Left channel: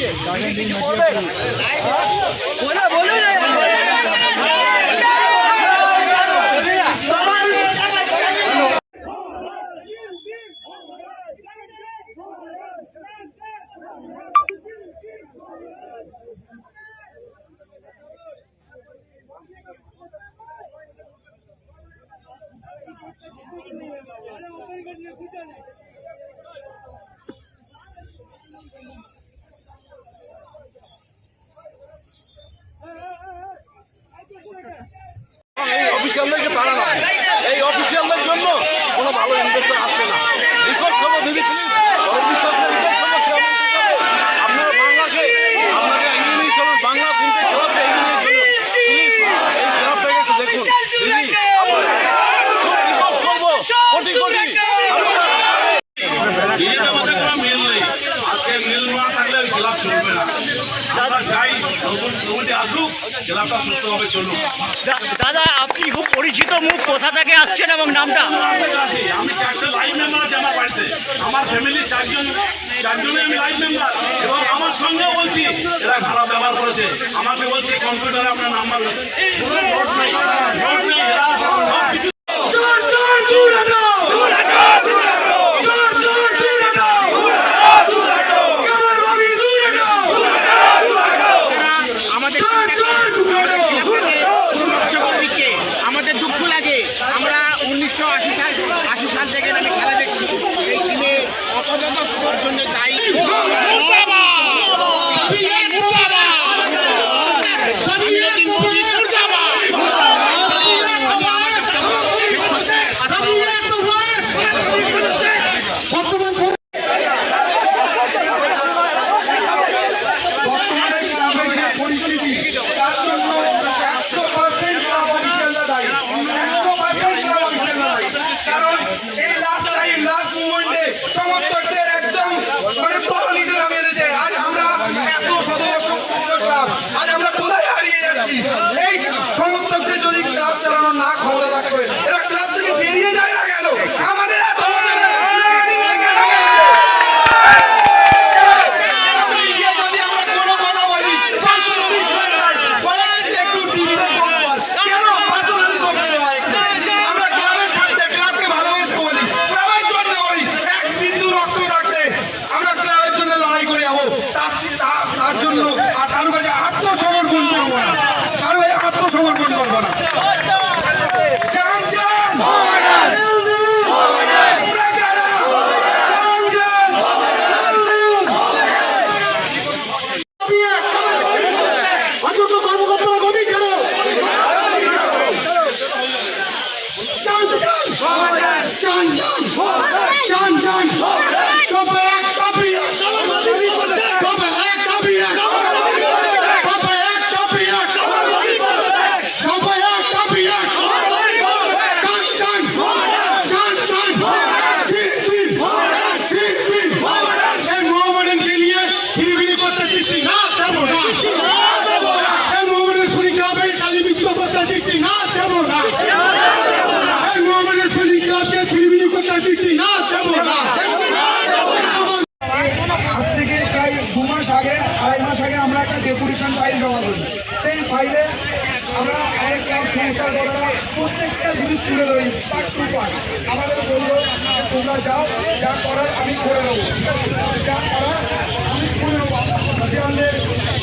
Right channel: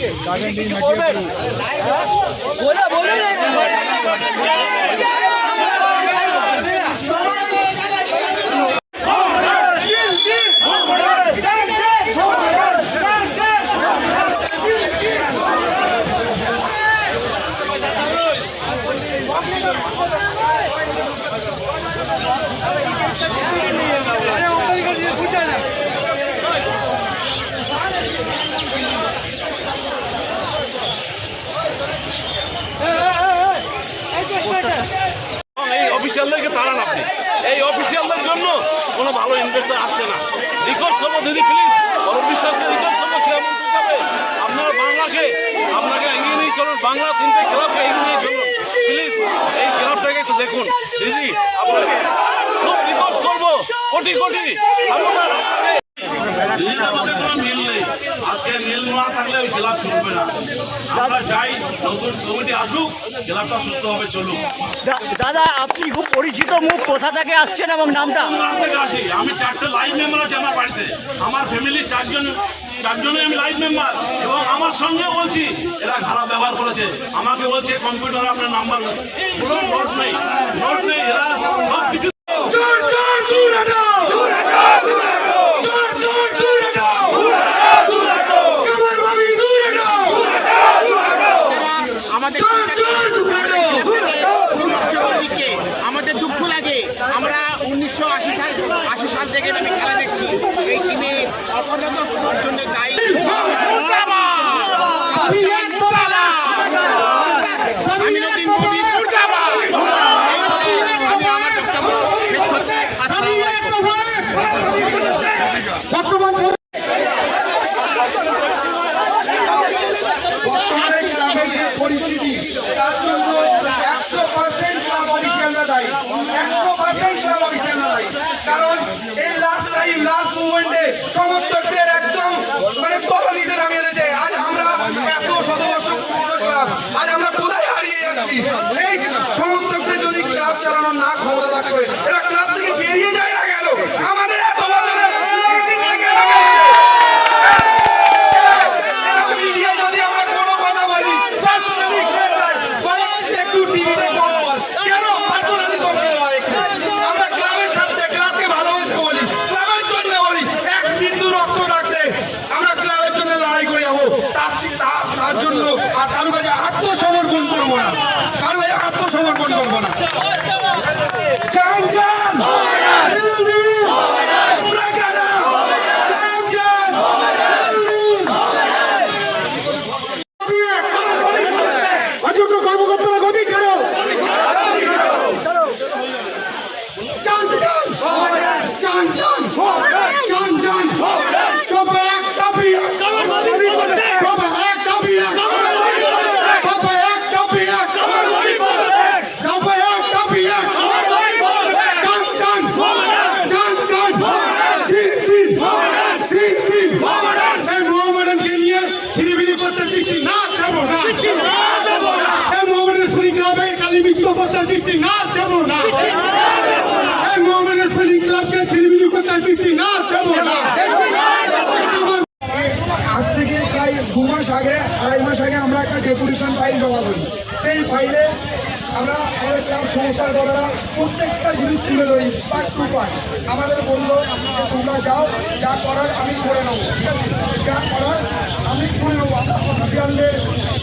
এই অফিসিয়ালদেরকে তাড়ান আপনি এই অফিসিয়ালদের জন্য কোনো ভালো ইনভেস্টার আসছে না। রিকোয়েস্ট করব, দিদি প্লিজ অরূপ বিশ্বাসকে রিকোয়েস্ট করব, ক্রীড়ামন্ত্রী হিসাবে। আপনারা বাংলাকে, আপনাকে এগিয়ে নিয়ে চলুন, বাংলা তিনটে ক্লাবকে এগিয়ে নিয়ে চলুন। প্লিজ এই ক্লাবটাকে একটু দেখুন। দিদি আপনাকে খুব রিকোয়েস্ট করব, কোটি কোটি। আপনারা নিজেদের মধ্যে কোনো মিল নেই। আজকে মিল না থাকলে ওই ক্লাব চলবে না। আমরা চাই নতুন কমিটি আসুক ক্লাবটা সুস্থভাবে চলুক। দাদা আপনি খুব পরিচিত মুখ কোথা থেকে আসছেন এবং নামটা? আসি। আমি চারটে লাইভ মেম্বার আছে আমার বাড়িতে। আমার ফ্যামিলি চারজন চারজনে আমি লাইভ মেম্বার এবং আমার সঙ্গে বলছি এরা খারাপ ব্যবহার করেছে। আমাকে বলছে কম্পিউটারে আপনার নাম্বার কোনো নোট নেই। নোট নেই। এরা সব কিছু দিচ্ছে আমাদের দুঃখ লাগে আমরা উনিশশো আশি সাল আশি সাল থেকে আমি খেলা দেখছি এই টিমে অপরাধ জন্য দায়ী আমিনুদ্দিন মোদী মুর্দাবাদ। আমি আমার বক্তব্য শেষ করছি আসসালামু আলাইকুম। বর্তমানে ক্লাবের যে পরিস্থিতি তার জন্য একশো পার্সেন্ট ক্লাব অফিসিয়ালরা দায়ী একশো পার্সেন্ট ক্লাব অফিসিয়ালরা দায়ী কারণ এই লাস্ট টাইম সমর্থকদের কোথায় হারিয়ে যাচ্ছি? এই সমর্থকদের যদি ক্লাব চালানো না ক্ষমতা থাকতো এরা ক্লাব থেকে বেরিয়ে যায় না কেন? আমাদের এত বছরের legacy নিয়ে কেন গেছে? এরকম মিডিয়ায় যদি আমরা কোনো কথা বলি, personally ছেড়ে দেয়। বলে, একটু টিভিতে কম বল। কেন personally কমতে হয় একটু? আমরা ক্লাবের স্বার্থে, ক্লাবকে ভালোবেসে বলি, ক্লাবের জন্য বলি, এক বিন্দু রক্ত রাখলে আমরা ক্লাবের জন্য লড়াই করে যাব। তার তা- তার জন্য আর কারও কাছে আত্মসমর্পণ করব না কারও কাছে আত্মসমর্পণ করব না চান চান আমরা কারা? চান চান অযোগ্য করতে না দেবো না আজ থেকে প্রায় দু মাস আগে, আড়াই মাস আগে আমরা একটা ডেপুটেশন ফাইল জমা করি। সেই ফাইলে আমরা আমাদের ক্লাব সমস্যার ঘটনা প্রত্যেকটা জিনিস তুলে ধরি পার্ট টু পার্ট আমাদের বলল তোমরা যাও, যা করার আমি করে নেব। যা করার আমি করে নেব। আমরা অফিসিয়ালদের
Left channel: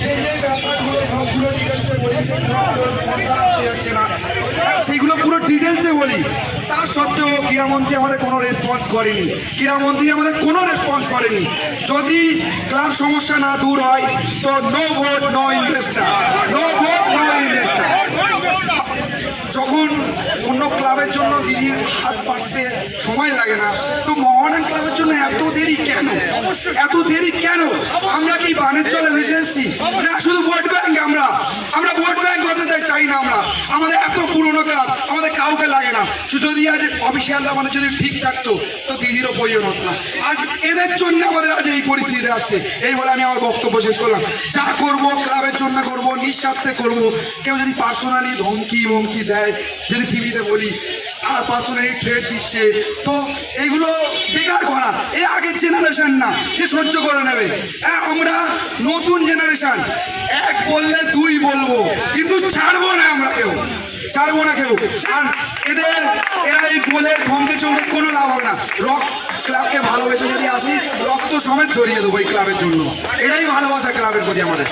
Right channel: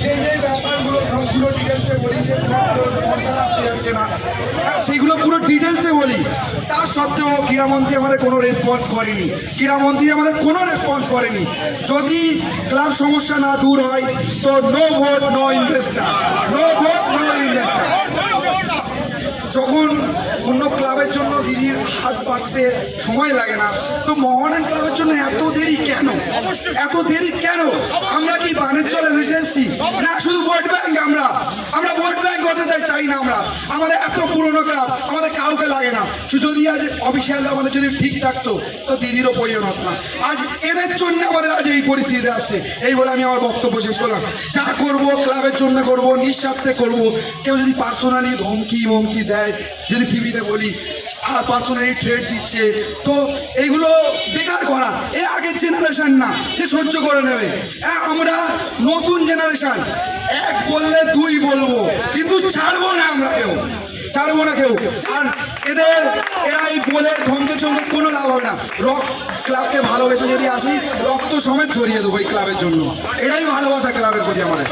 যে যে ব্যাপারগুলো সবগুলো ডিটেলসে বলি, যে যাচ্ছে না সেইগুলো পুরো ডিটেলসে বলি। তার সত্ত্বেও ক্রীড়ামন্ত্রী আমাদের কোনো রেসপন্স করেনি। ক্রীড়ামন্ত্রী আমাদের কোনো রেসপন্স করেনি। যদি ক্লাব সমস্যা না দূর হয়, তো no vote no investor no vote no investor যখন অন্য ক্লাবের জন্য দিদির হাত পাততে সময় লাগে না। তো মহারান ক্লাবের জন্য এত দেরি কেন? এত দেরি কেন? আমরা কি বাণিজ্য ভেসে এসেছি? না শুধু ভোট ব্যাংক আমরা। আমরা ভোট ব্যাংক হতে চাই- চাই না আমরা। আমাদের এত পুরনো ক্লাব আমাদের কাউকে লাগে না। যদি আজ অফিসিয়াল আমাদের যদি ঠিক থাকতো তো দিদিরও প্রয়োজন হতো না। আজ এদের জন্য আমাদের আজ এই পরিস্থিতি আসছে। এই বলে আমি আমার বক্তব্য শেষ করলাম। যা করব ক্লাবের জন্য করব নিঃস্বার্থে করব। কেউ যদি পার্সোনালি ধমকি মমকি দেয় যদি টিভিতে বলি আর পার্সোনালি ট্রেড দিচ্ছে। তো এইগুলো বেকার করা, এ আগের জেনারেশন না যে সহ্য করে নেবে। আমরা নতুন জেনারেশন এক বললে দুই বলব, কিন্তু ছাড়বো না আমরা কেউ, ছাড়বো না কেউ। আর এদের, এরা এই বলে ধমকে চমকে কোনো লাভ হবে না। রক ক্লাবকে ভালোবেসে যদি আসি, রক্ত সমেত জড়িয়ে দেবো এই ক্লাবের জন্য। এটাই ভালোবাসা ক্লাবের প্রতি আমাদের।